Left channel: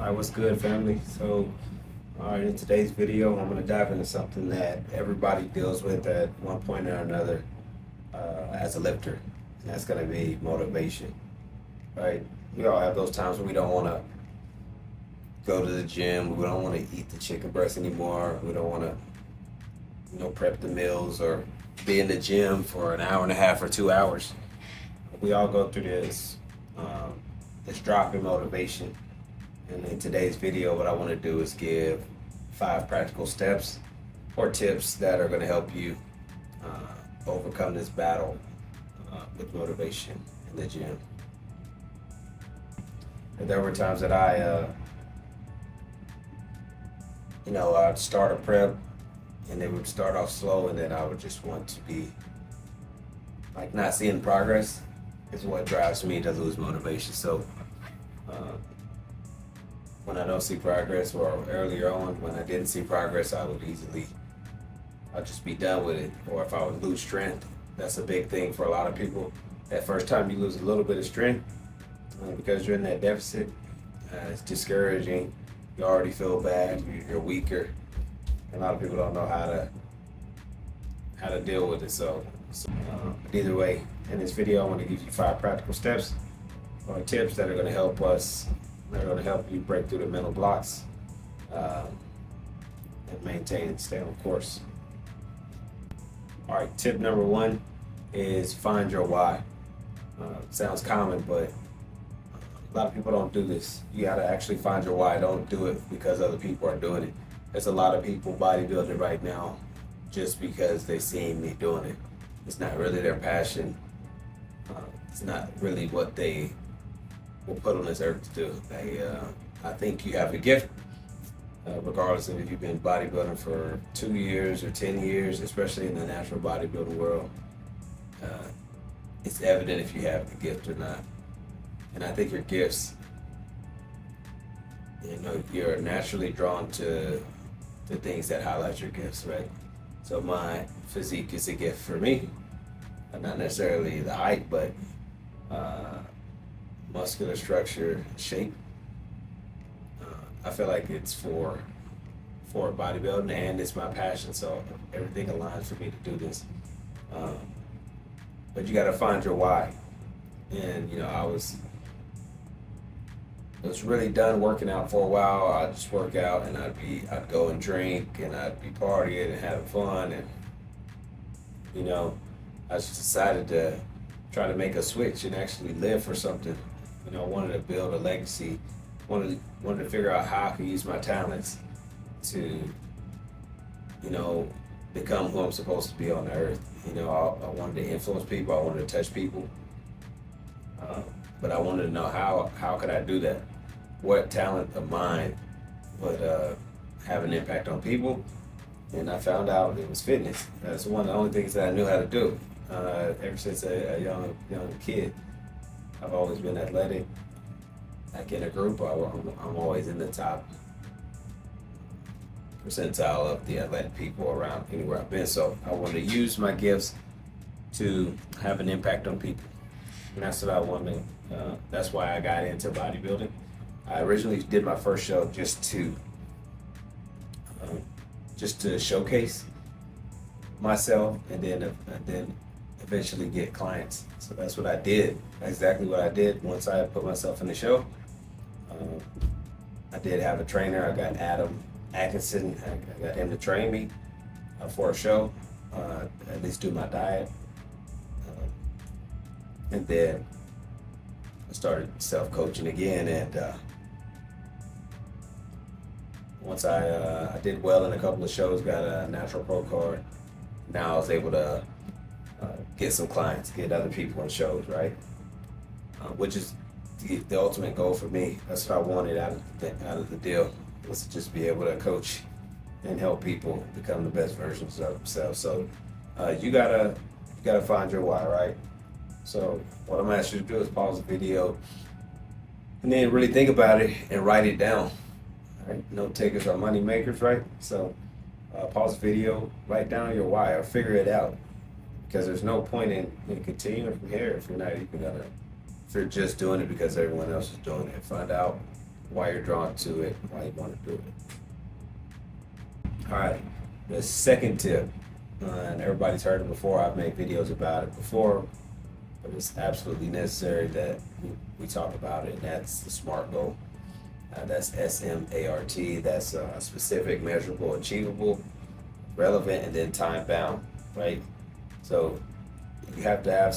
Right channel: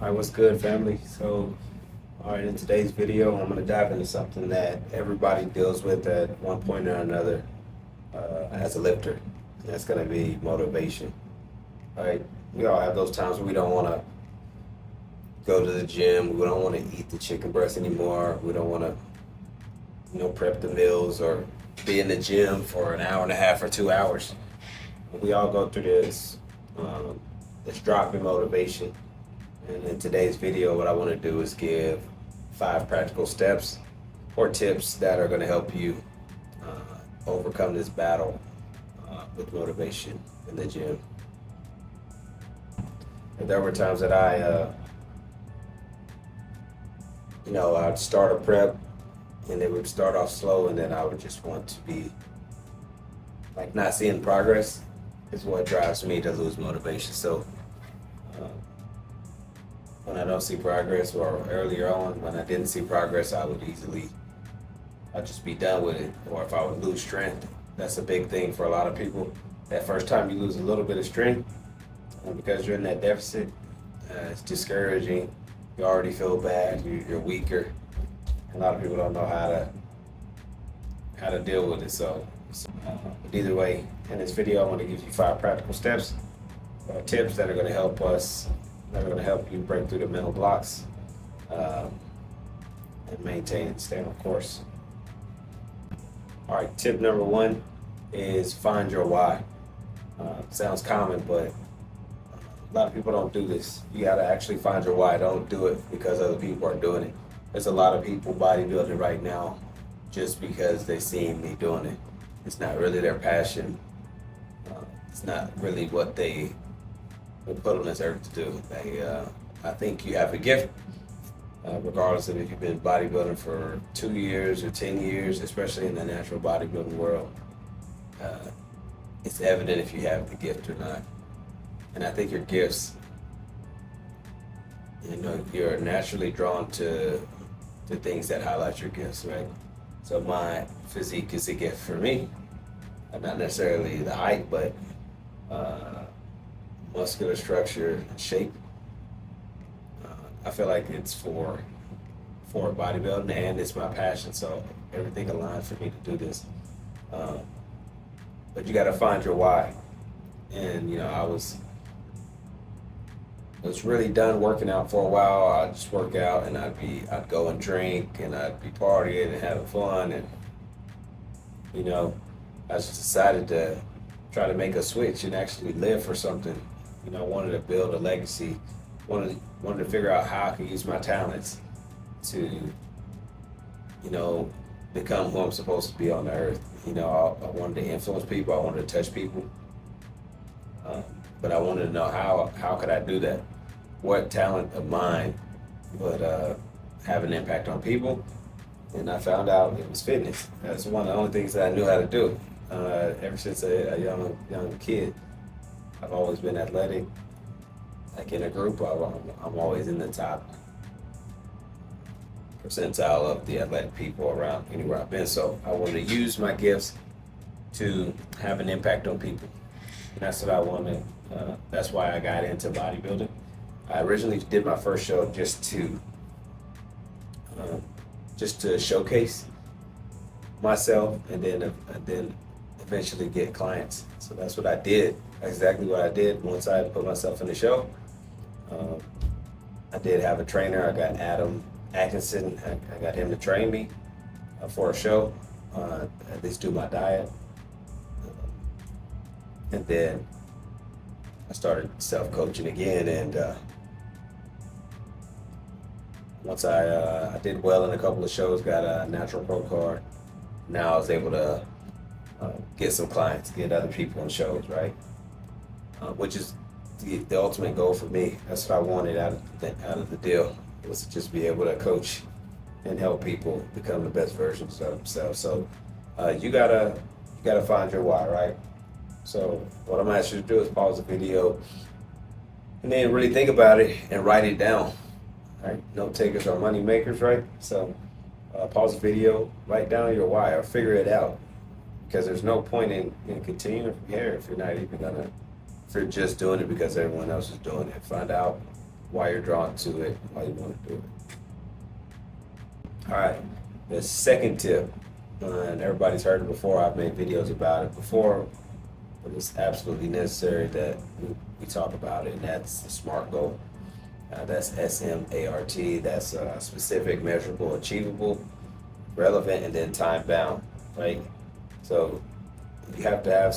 Alright, what's good, family? Alright, in today's video, I'm going to dive into something that everybody deals with at one point or another as a lifter, and that's going to be motivation. Right? We all have those times where we don't want to go to the gym, we don't want to eat the chicken breast anymore, we don't want to, prep the meals or be in the gym for an hour and a half or 2 hours. We all go through this drop in motivation. And in today's video, what I want to do is give 5 practical steps or tips that are going to help you overcome this battle with motivation in the gym. And there were times that I'd start a prep and it would start off slow, and then I would just want to be like not seeing progress is what drives me to lose motivation. So when I don't see progress, or earlier on when I didn't see progress, I'd just be done with it. Or if I would lose strength, that's a big thing for a lot of people. That first time you lose a little bit of strength because you're in that deficit, it's discouraging. You already feel bad, you're weaker. A lot of people don't know how to deal with it. But either way, in this video, I want to give you 5 practical steps or tips that are going to help us. That are going to help you break through the mental blocks and maintain and stay on course. All right, tip number 1 is find your why. Sounds common, but a lot of people don't do this. You got to actually find your why. Don't do it because other people are doing it. There's a lot of people bodybuilding right now just because they see me doing it. It's not really their passion. It's not really what they will put on this earth to do. I think you have a gift, regardless of if you've been bodybuilding for 2 years or 10 years, especially in the natural bodybuilding world. It's evident if you have the gift or not. And I think your gifts, you're naturally drawn to the things that highlight your gifts, right? So my physique is a gift for me. Not necessarily the height, but muscular structure, shape. I feel like it's for bodybuilding, and it's my passion, so everything aligns for me to do this. But you got to find your why. And I was really done working out for a while. I'd just work out and I'd go and drink and I'd be partying and having fun, and I just decided to try to make a switch and actually live for something. Wanted to build a legacy. Wanted to figure out how I could use my talents to become who I'm supposed to be on the earth. I wanted to influence people. I wanted to touch people. But I wanted to know how could I do that? What talent of mine would have an impact on people? And I found out it was fitness. That's one of the only things that I knew how to do. Ever since a young kid, I've always been athletic. Like in a group, I'm always in the top percentile of the athletic people around anywhere I've been. So I wanted to use my gifts to have an impact on people. And that's what I wanted. That's why I got into bodybuilding. I originally did my first show just to showcase myself, and then eventually get clients. So that's what I did. That's exactly what I did. Once I put myself in the show, I did have a trainer. I got Adam Atkinson. I got him to train me for a show, at least do my diet. And then I started self-coaching again, and once I did well in a couple of shows, got a natural pro card. Now I was able to get some clients, get other people in shows, right? Which is the ultimate goal for me. That's what I wanted out of the deal, was to just be able to coach and help people become the best versions of themselves. So you gotta find your why, right? So what I'm asking you to do is pause the video and then really think about it and write it down. Right? Note takers are money makers, right? So pause the video, write down your why, or figure it out, because there's no point in continuing from here if you're just doing it because everyone else is doing it. Find out why you're drawn to it, why you want to do it. All right, the second tip, and everybody's heard it before. I've made videos about it before, but it's absolutely necessary that we talk about it, and that's the SMART goal. That's SMART. That's specific, measurable, achievable, relevant, and then time bound, right? So you have to have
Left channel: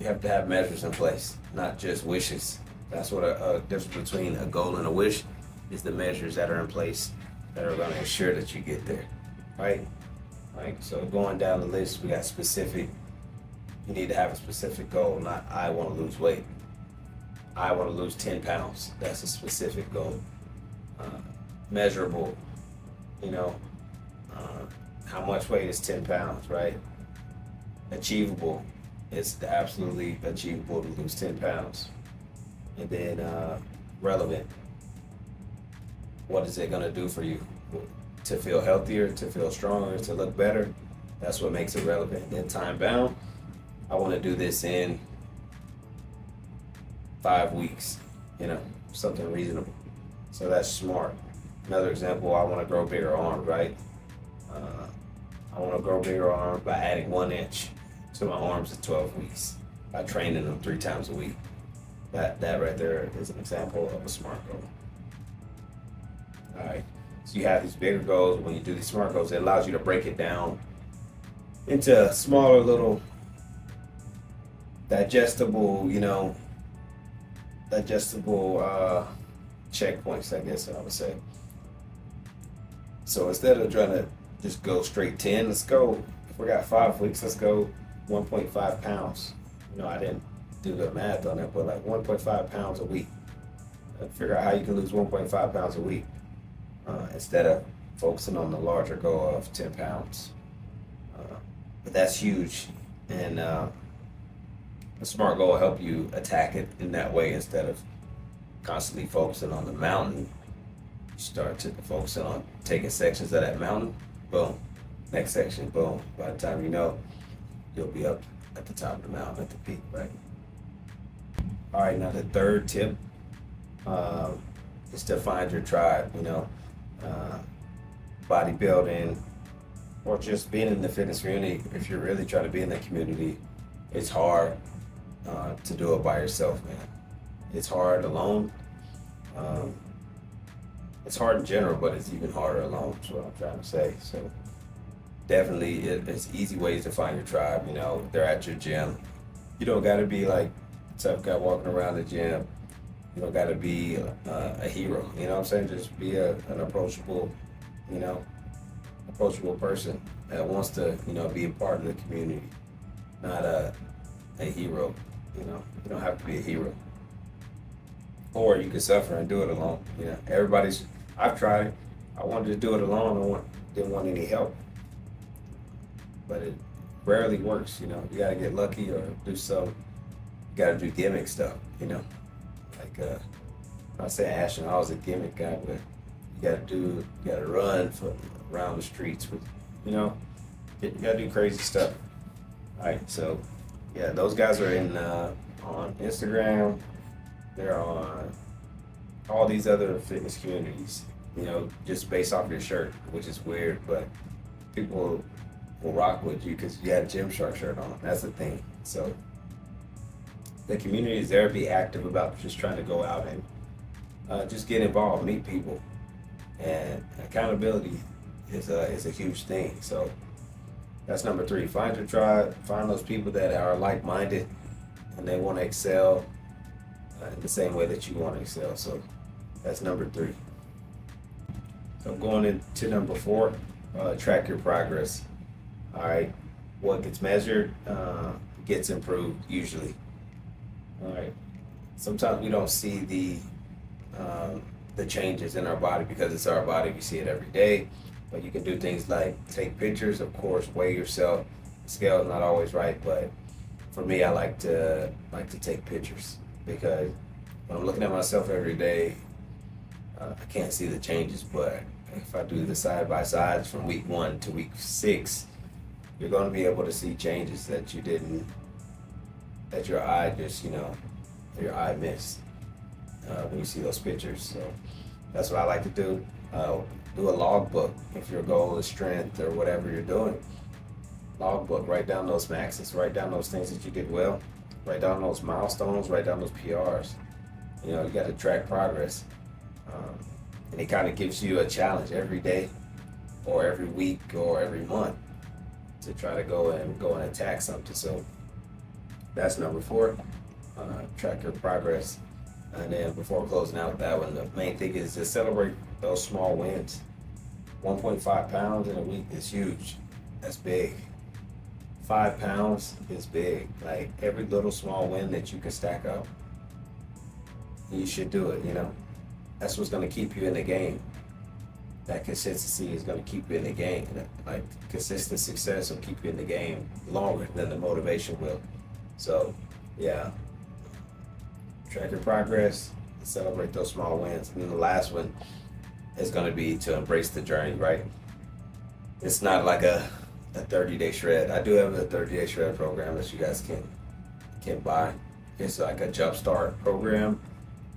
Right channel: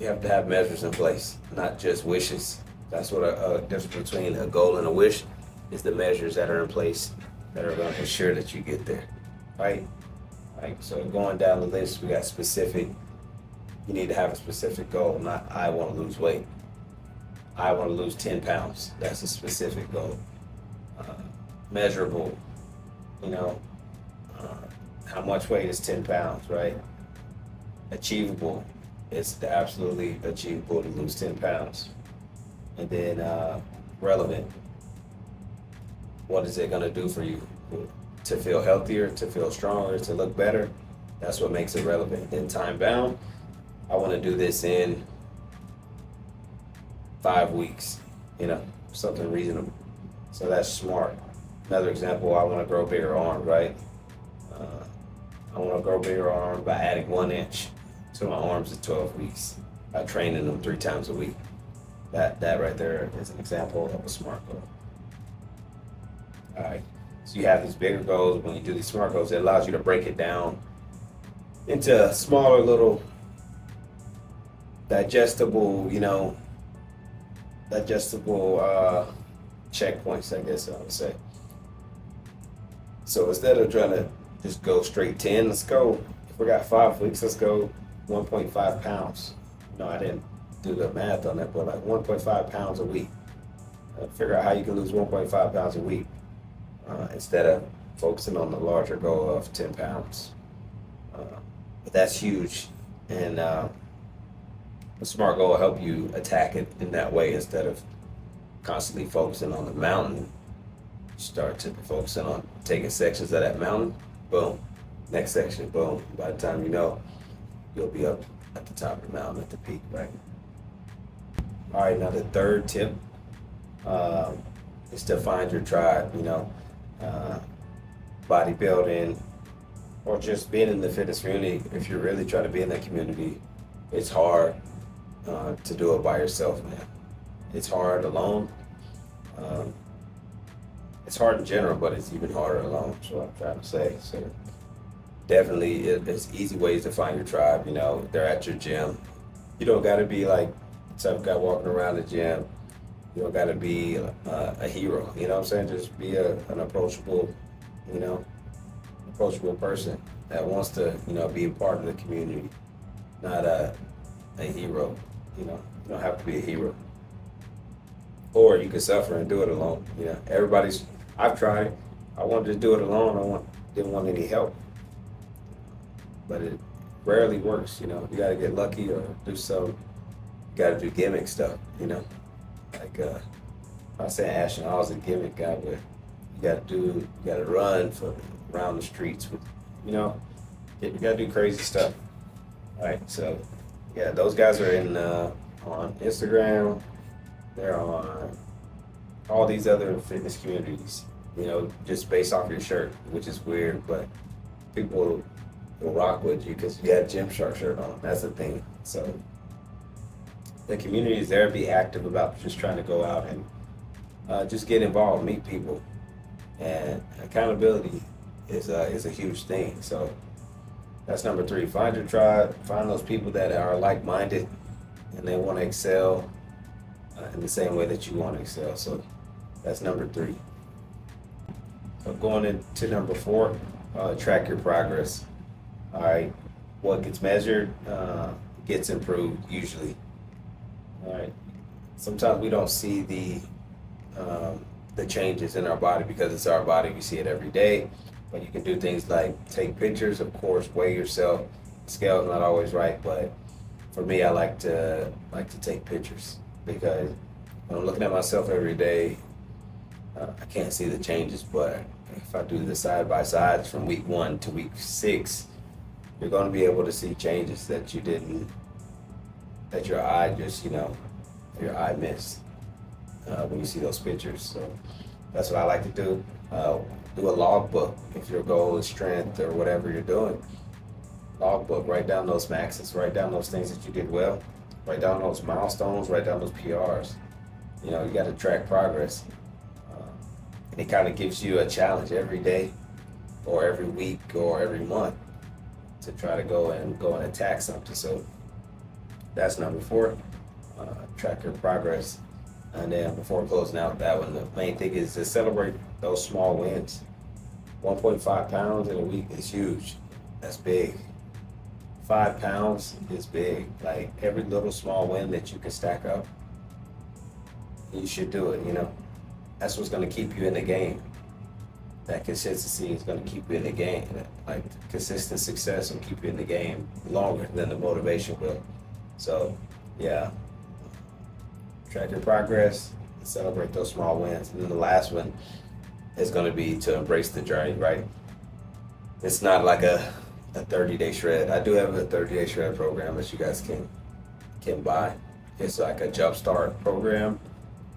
you have to have measures in place, not just wishes. That's what a difference between a goal and a wish is, the measures that are in place that are going to ensure that you get there, right? Like, so going down the list, we got specific. You need to have a specific goal, not I want to lose weight. I want to lose 10 pounds. That's a specific goal. Measurable, you know, how much weight is 10 pounds, right? Achievable, it's absolutely achievable to lose 10 pounds. And then relevant, what is it going to do for you? To feel healthier, to feel stronger, to look better. That's what makes it relevant. Then time bound, I want to do this in 5 weeks, you know, something reasonable. So that's SMART. Another example, I want to grow bigger arms, right? I want to grow bigger arms by adding 1 inch to my arms in 12 weeks by training them 3 times a week. That right there is an example of a SMART goal. All right. So you have these bigger goals. When you do these SMART goals, it allows you to break it down into smaller little digestible checkpoints, I guess I would say. So instead of trying to just go straight 10, let's go, if we got 5 weeks, let's go 1.5 pounds. I didn't do the math on that, but like 1.5 pounds a week. Figure out how you can lose 1.5 pounds a week instead of focusing on the larger goal of 10 pounds. But that's huge. And a SMART goal will help you attack it in that way instead of constantly focusing on the mountain. You start to focus on taking sections of that mountain, boom, next section, boom. By the time you know, you'll be up at the top of the mountain at the peak, right? All right, now the third tip is to find your tribe, bodybuilding or just being in the fitness community. If you're really trying to be in that community, it's hard to do it by yourself, man. It's hard alone. It's hard in general, but it's even harder alone. That's what I'm trying to say. So definitely, it's easy ways to find your tribe. They're at your gym. You don't got to be like the type of guy walking around the gym. You don't got to be a hero. You know what I'm saying? Just be an approachable, approachable person that wants to, be a part of the community, not a hero. You don't have to be a hero. Or you can suffer and do it alone. I've tried it. I wanted to do it alone. Didn't want any help. But it rarely works, You got to get lucky or do some. You got to do gimmick stuff, Like I was saying, Ashton, I was a gimmick guy, but you got to run around the streets with, you got to do crazy stuff. All right, so yeah, those guys are on Instagram. They're on all these other fitness communities, just based off your shirt, which is weird, but people will rock with you because you got a Gymshark shirt on. That's the thing. So the community is there. Be active about just trying to go out and just get involved, meet people, and accountability is a huge thing. So that's number 3. Find your tribe. Find those people that are like-minded and they want to excel in the same way that you want to excel. So that's number 3. So going into number 4, track your progress. All right, what gets measured gets improved usually. All right, sometimes we don't see the changes in our body because it's our body. We see it every day, but you can do things like take pictures, of course, weigh yourself. The scale is not always right, but for me, I like to take pictures because when I'm looking at myself every day, I can't see the changes. But if I do the side by sides from week 1 to week 6, you're going to be able to see changes that your eye just, your eye missed. when you see those pictures. So that's what I like to do. Do a log book if your goal is strength or whatever you're doing. Log book, write down those maxes, write down those things that you did well, write down those milestones, write down those PRs. You know, you got to track progress. And it kind of gives you a challenge every day or every week or every month to try to go and attack something. So that's number 4, track your progress. And then before closing out that one, the main thing is to celebrate those small wins. 1.5 pounds in a week is huge. That's big. 5 pounds is big. Like every little small win that you can stack up, you should do it, you know. That's what's going to keep you in the game. That consistency is going to keep you in the game. Like consistent success will keep you in the game longer than the motivation will. So, yeah, track your progress, celebrate those small wins. And then the last one is going to be to embrace the journey, right? It's not like a 30-day shred. I do have a 30-day shred program that you guys can buy. It's like a jumpstart program.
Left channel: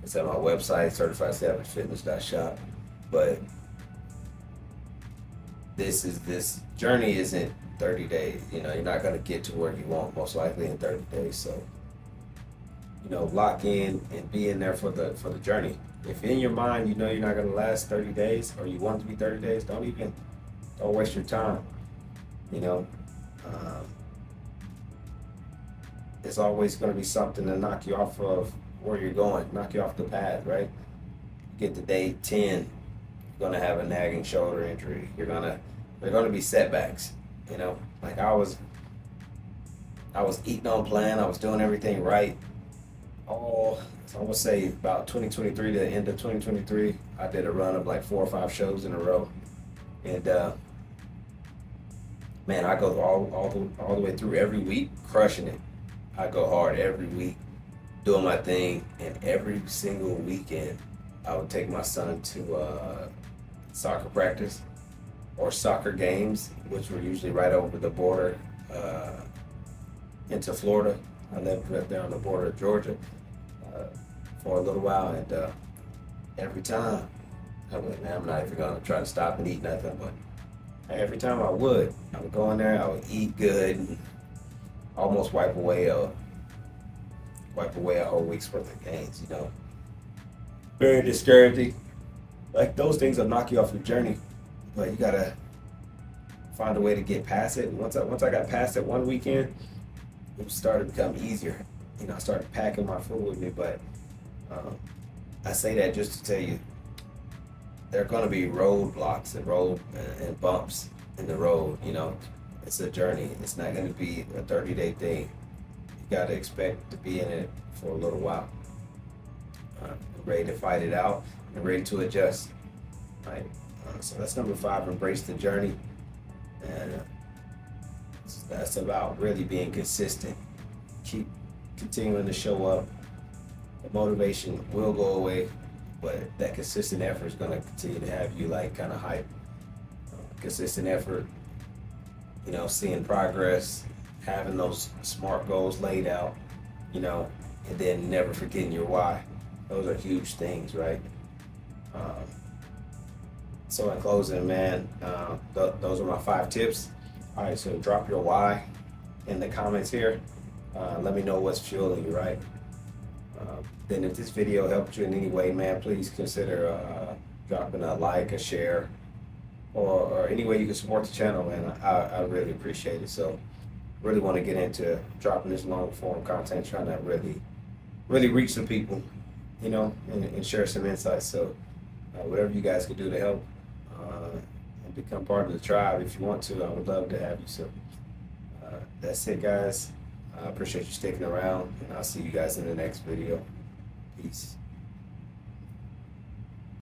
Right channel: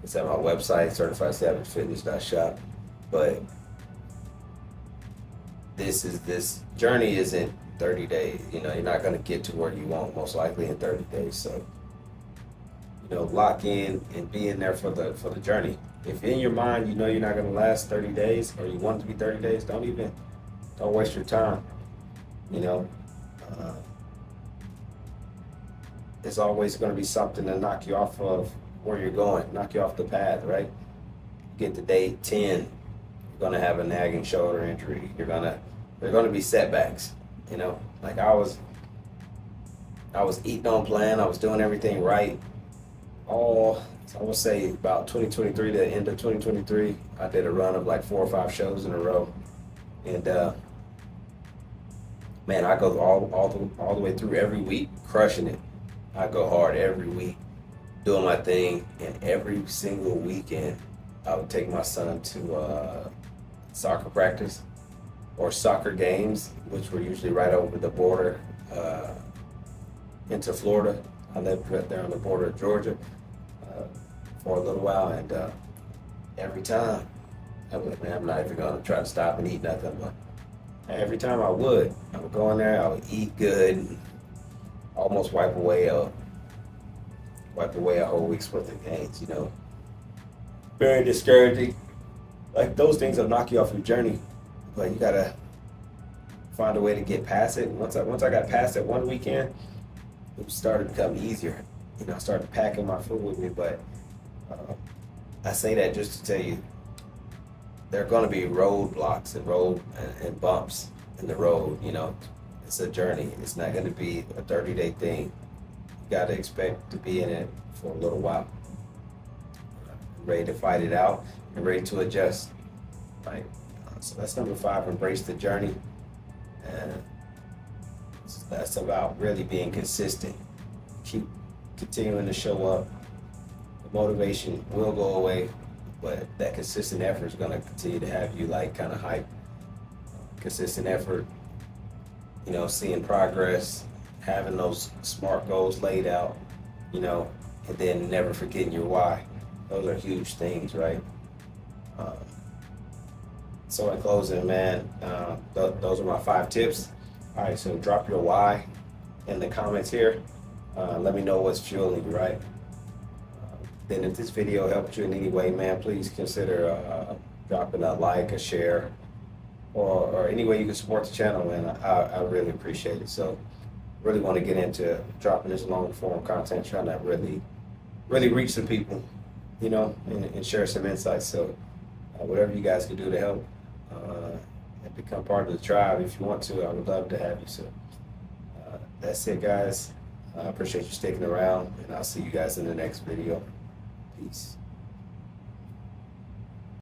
It's at my website, certifiedesavagefitness.shop. But this journey isn't 30 days. You know, you're not going to get to where you want most likely in 30 days. So, you know, lock in and be in there for the journey. If in your mind you know you're not going to last 30 days or you want it to be 30 days, don't waste your time. You know, it's always going to be something to knock you off of where you're going, knock you off the path, right? You get to day 10, you're going to have a nagging shoulder injury. There are going to be setbacks, you know? Like I was eating on plan. I was doing everything right. So I would say about 2023 to the end of 2023, I did a run of like 4 or 5 shows in a row. And, man, I go all the way through every week, crushing it. I go hard every week, doing my thing, and every single weekend, I would take my son to soccer practice or soccer games, which were usually right over the border into Florida. I lived right there on the border of Georgia for a little while, and every time, I was like, man, I'm not even gonna try to stop and eat nothing, but every time I would go in there, I would eat good, and almost wipe away a whole week's worth of gains, you know. Very discouraging. Like those things will knock you off your journey, but you gotta find a way to get past it. And once I got past it one weekend, it started to become easier. You know, I started packing my food with me, but I say that just to tell you, there are going to be roadblocks and bumps in the road. You know, it's a journey. It's not going to be a 30-day thing. You got to expect to be in it for a little while, ready to fight it out and ready to adjust. Right. So that's number 5. Embrace the journey, and that's about really being consistent. Keep continuing to show up. The motivation will go away, but that consistent effort is going to continue to have you like kind of hype. Consistent effort, you know, seeing progress, having those SMART goals laid out, you know, and then never forgetting your why. Those are huge things, right? So in closing, man, those are my 5 tips. All right, so drop your why in the comments here. Let me know what's fueling you, right? Then if this video helped you in any way, man, please consider dropping a like, a share, or any way you can support the channel, man. I really appreciate it. So really want to get into dropping this long form content, trying to really reach some people, you know, and share some insights. So whatever you guys can do to help and become part of the tribe, if you want to, I would love to have you. So that's it, guys. I appreciate you sticking around, and I'll see you guys in the next video. Peace.